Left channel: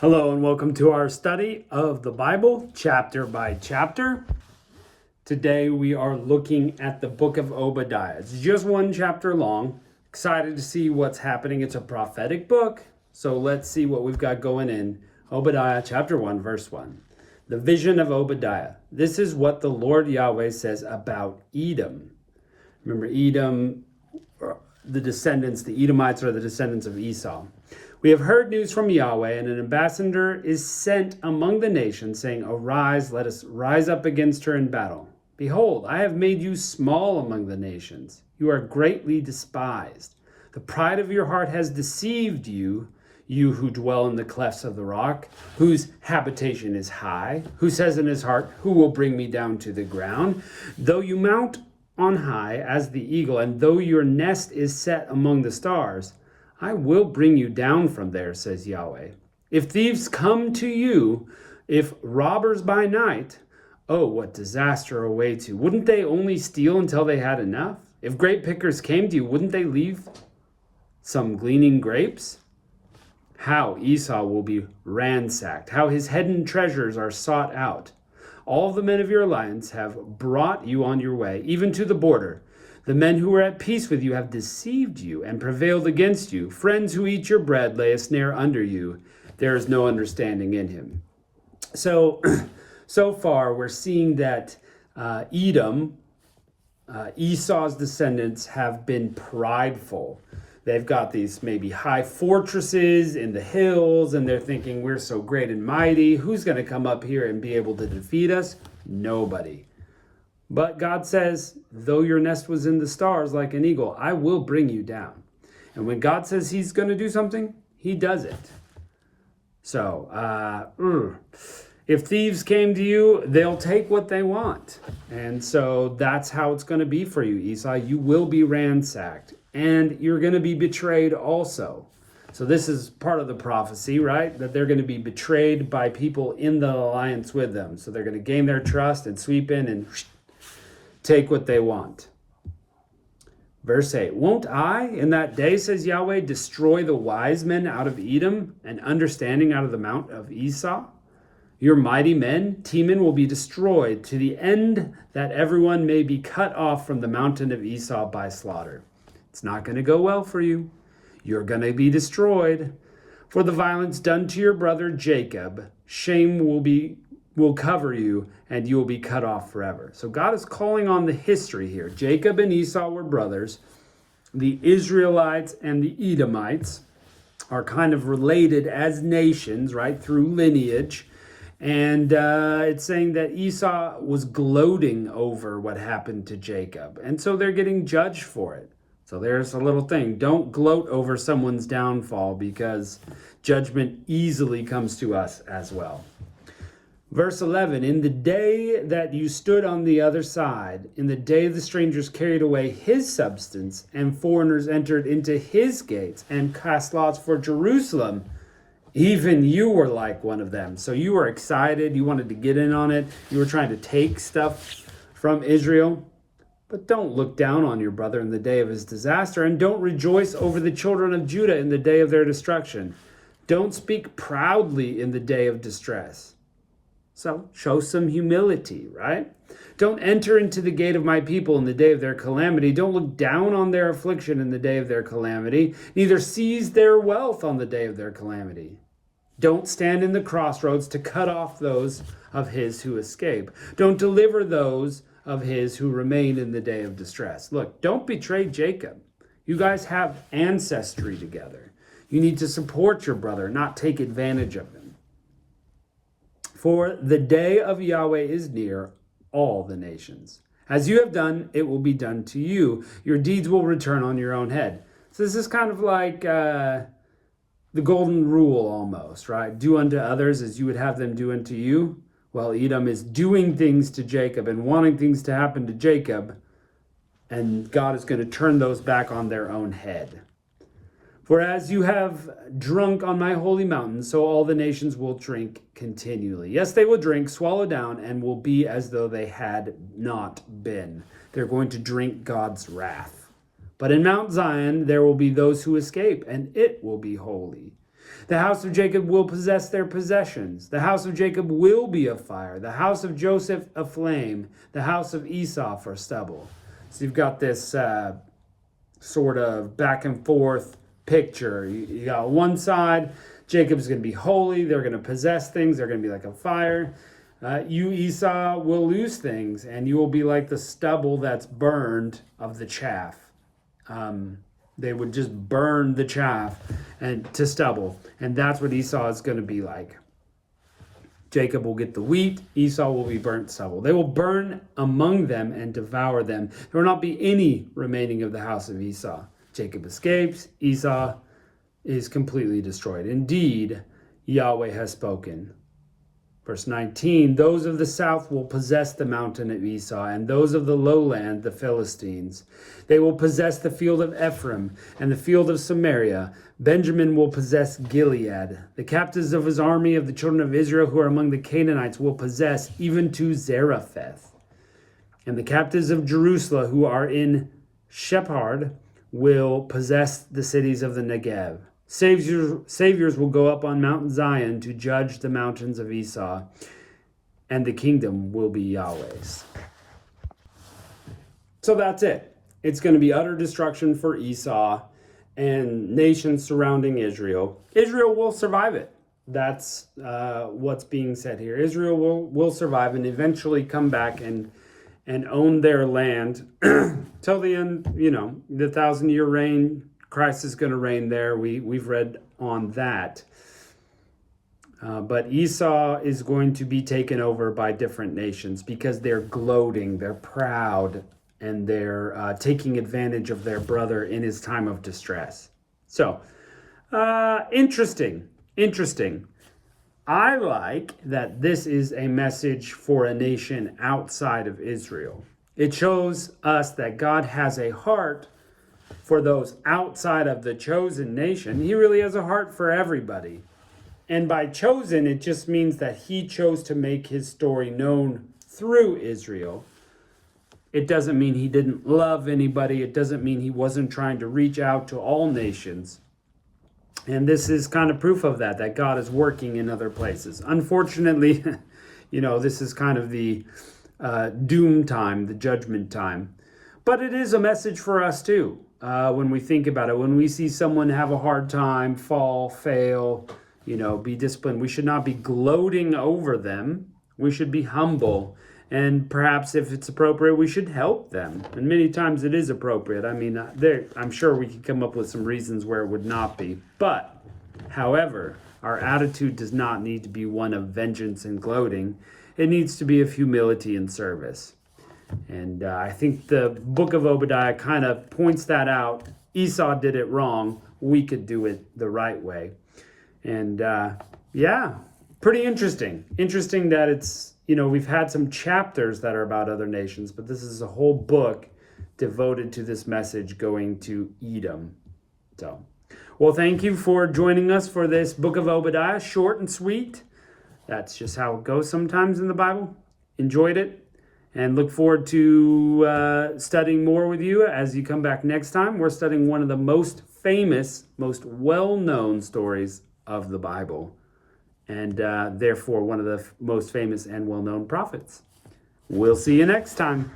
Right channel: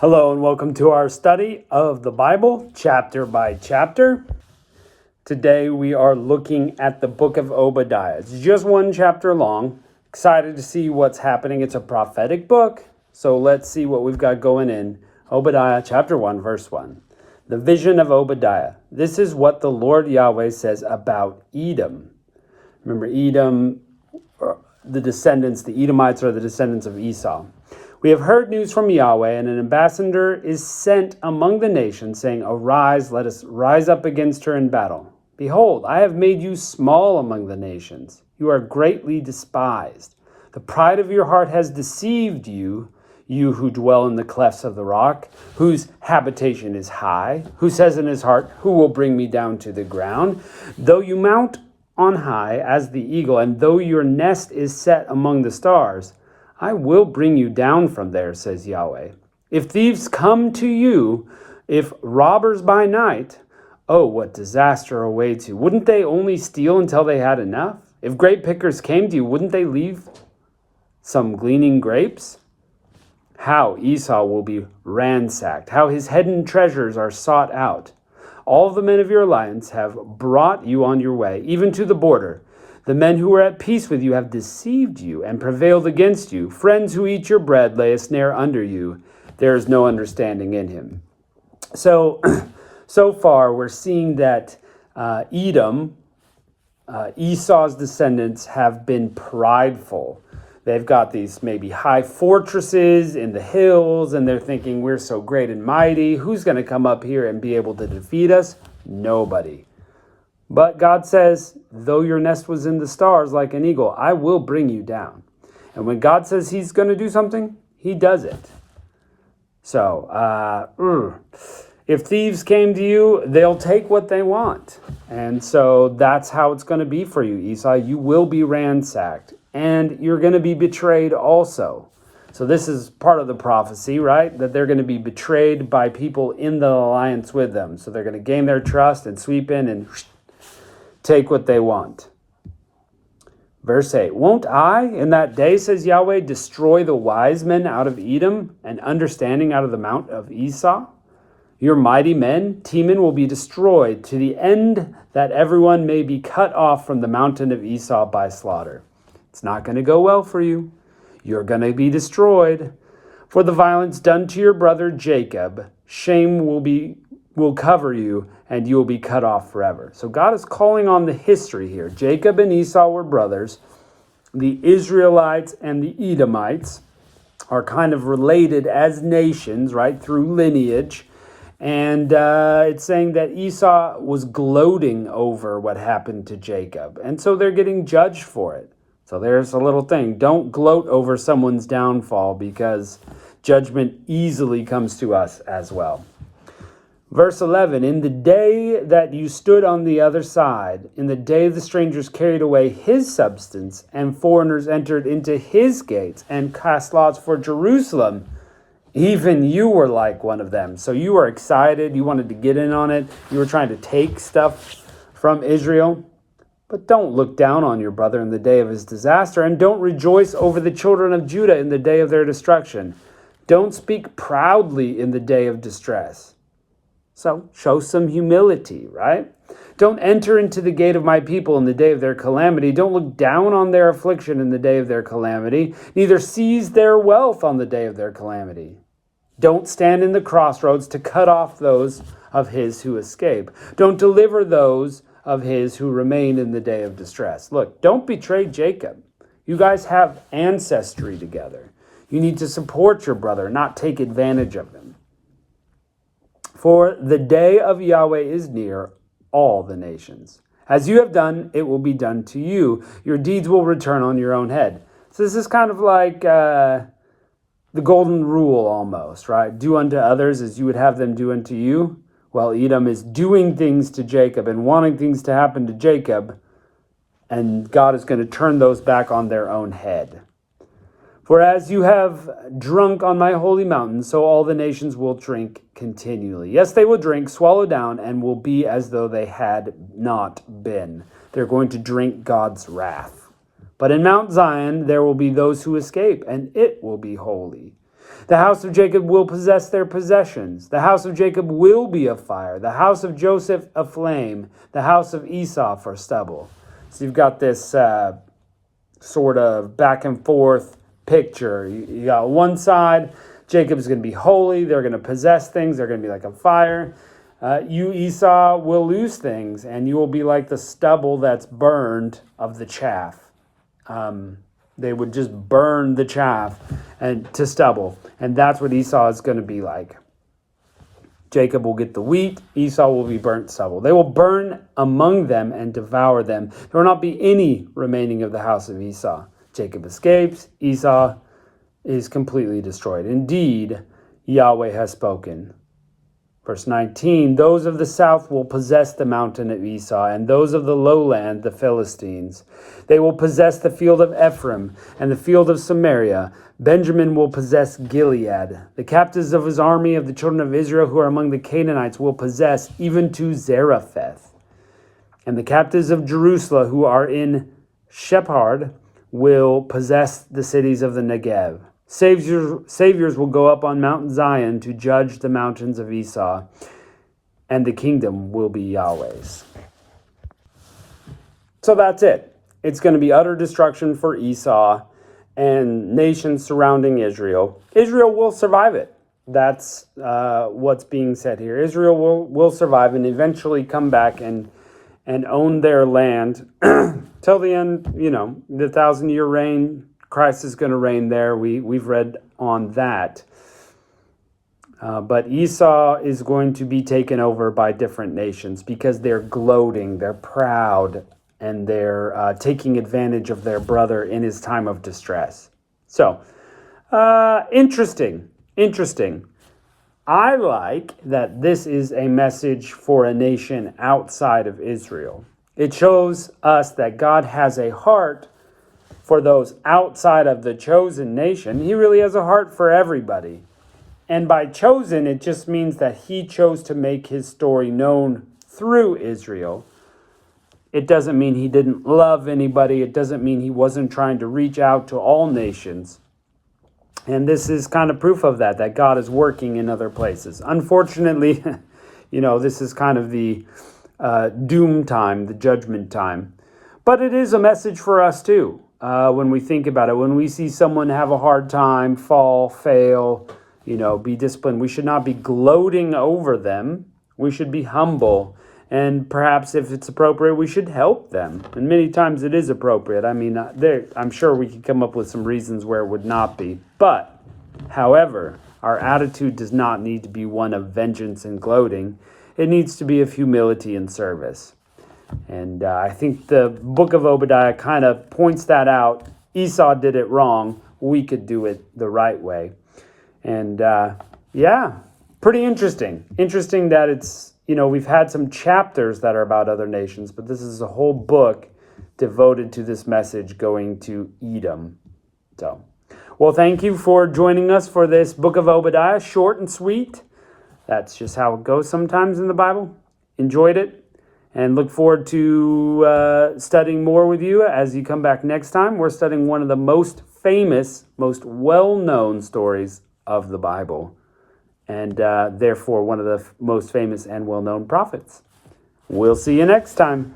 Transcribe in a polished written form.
Hello and welcome to our study of the Bible, chapter by chapter. Today we are looking at the book of Obadiah. It's just one chapter long. Excited to see what's happening. It's a prophetic book, so let's see what we've got going in. Obadiah chapter 1, verse 1. The vision of Obadiah. This is what the Lord Yahweh says about Edom. Remember, Edom, the Edomites are the descendants of Esau. We have heard news from Yahweh, and an ambassador is sent among the nations, saying, Arise, let us rise up against her in battle. Behold, I have made you small among the nations. You are greatly despised. The pride of your heart has deceived you, you who dwell in the clefts of the rock, whose habitation is high, who says in his heart, Who will bring me down to the ground? Though you mount on high as the eagle, and though your nest is set among the stars, I will bring you down from there, says Yahweh. If thieves come to you, if robbers by night, oh, what disaster awaits you. Wouldn't they only steal until they had enough? If grape pickers came to you, wouldn't they leave some gleaning grapes? How Esau will be ransacked, how his hidden treasures are sought out. All the men of your alliance have brought you on your way, even to the border. The men who were at peace with you have deceived you and prevailed against you. Friends who eat your bread lay a snare under you. There is no understanding in him. So far we're seeing that Edom, Esau's descendants, have been prideful. They've got these maybe high fortresses in the hills, and they're thinking, we're so great and mighty. Who's going to come up here and be able to defeat us? Nobody. But God says, though your nest was in the stars like an eagle, I will bring you down. And when God says he's going to do something, he does it. So, if thieves came to you, they'll take what they want. And so that's how it's going to be for you, Esau. You will be ransacked, and you're going to be betrayed also. So this is part of the prophecy, right? That they're going to be betrayed by people in the alliance with them. So they're going to gain their trust and sweep in and take what they want. Verse 8, Won't I, in that day, says Yahweh, destroy the wise men out of Edom and understanding out of the mount of Esau? Your mighty men, Teman, will be destroyed to the end that everyone may be cut off from the mountain of Esau by slaughter. It's not going to go well for you. You're going to be destroyed. For the violence done to your brother Jacob, shame will cover you, and you will be cut off forever. So God is calling on the history here. Jacob and Esau were brothers. The Israelites and the Edomites are kind of related as nations, right, through lineage. And it's saying that Esau was gloating over what happened to Jacob. And so they're getting judged for it. So there's a little thing. Don't gloat over someone's downfall, because judgment easily comes to us as well. Verse 11, In the day that you stood on the other side, in the day the strangers carried away his substance, and foreigners entered into his gates and cast lots for Jerusalem, even you were like one of them. So you were excited. You wanted to get in on it. You were trying to take stuff from Israel. But don't look down on your brother in the day of his disaster, and don't rejoice over the children of Judah in the day of their destruction. Don't speak proudly in the day of distress. So show some humility, right? Don't enter into the gate of my people in the day of their calamity. Don't look down on their affliction in the day of their calamity. Neither seize their wealth on the day of their calamity. Don't stand in the crossroads to cut off those of his who escape. Don't deliver those of his who remain in the day of distress. Look, don't betray Jacob. You guys have ancestry together. You need to support your brother, not take advantage of him. For the day of Yahweh is near all the nations. As you have done, it will be done to you. Your deeds will return on your own head. So this is kind of like the golden rule almost, right? Do unto others as you would have them do unto you. Well, Edom is doing things to Jacob and wanting things to happen to Jacob, and God is going to turn those back on their own head. For as you have drunk on my holy mountain, so all the nations will drink continually. Yes, they will drink, swallow down, and will be as though they had not been. They're going to drink God's wrath. But in Mount Zion there will be those who escape, and it will be holy. The house of Jacob will possess their possessions. The house of Jacob will be a fire. The house of Joseph a flame. The house of Esau for stubble. So you've got this sort of back and forth picture. You got one side, Jacob's going to be holy. They're going to possess things. They're going to be like a fire. You, Esau, will lose things, and you will be like the stubble that's burned of the chaff. They would just burn the chaff and to stubble. And that's what Esau is going to be like. Jacob will get the wheat. Esau will be burnt stubble. They will burn among them and devour them. There will not be any remaining of the house of Esau. Jacob escapes. Esau is completely destroyed. Indeed, Yahweh has spoken. Verse 19, those of the south will possess the mountain of Esau, and those of the lowland, the Philistines. They will possess the field of Ephraim and the field of Samaria. Benjamin will possess Gilead. The captives of his army of the children of Israel who are among the Canaanites will possess even to Zarephath. And the captives of Jerusalem who are in Shephard will possess the cities of the Negev. Saviors will go up on Mount Zion to judge the mountains of Esau, and the kingdom will be Yahweh's. So that's it. It's going to be utter destruction for Esau and nations surrounding Israel. Israel will survive it. That's what's being said here. Israel will survive and eventually come back and own their land till the end, the 1,000-year reign. Christ is going to reign there. We've read on that. But Esau is going to be taken over by different nations because they're gloating, they're proud, and they're taking advantage of their brother in his time of distress. So, interesting. I like that this is a message for a nation outside of Israel. It shows us that God has a heart for those outside of the chosen nation. He really has a heart for everybody. And by chosen, it just means that he chose to make his story known through Israel. It doesn't mean he didn't love anybody. It doesn't mean he wasn't trying to reach out to all nations. And this is kind of proof of that God is working in other places. Unfortunately, this is kind of the doom time, the judgment time. But it is a message for us too. When we think about it, when we see someone have a hard time, fall, fail, be disciplined, we should not be gloating over them. We should be humble. And perhaps if it's appropriate, we should help them. And many times it is appropriate. I mean, I'm sure we could come up with some reasons where it would not be. But, however, our attitude does not need to be one of vengeance and gloating. It needs to be of humility and service. And I think the book of Obadiah kind of points that out. Esau did it wrong. We could do it the right way. And pretty interesting. Interesting that it's, we've had some chapters that are about other nations, but this is a whole book devoted to this message going to Edom. So, well, thank you for joining us for this book of Obadiah. Short and sweet. That's just how it goes sometimes in the Bible. Enjoyed it. And look forward to studying more with you as you come back next time. We're studying one of the most famous, most well-known stories of the Bible. And therefore one of the most famous and well-known prophets. We'll see you next time.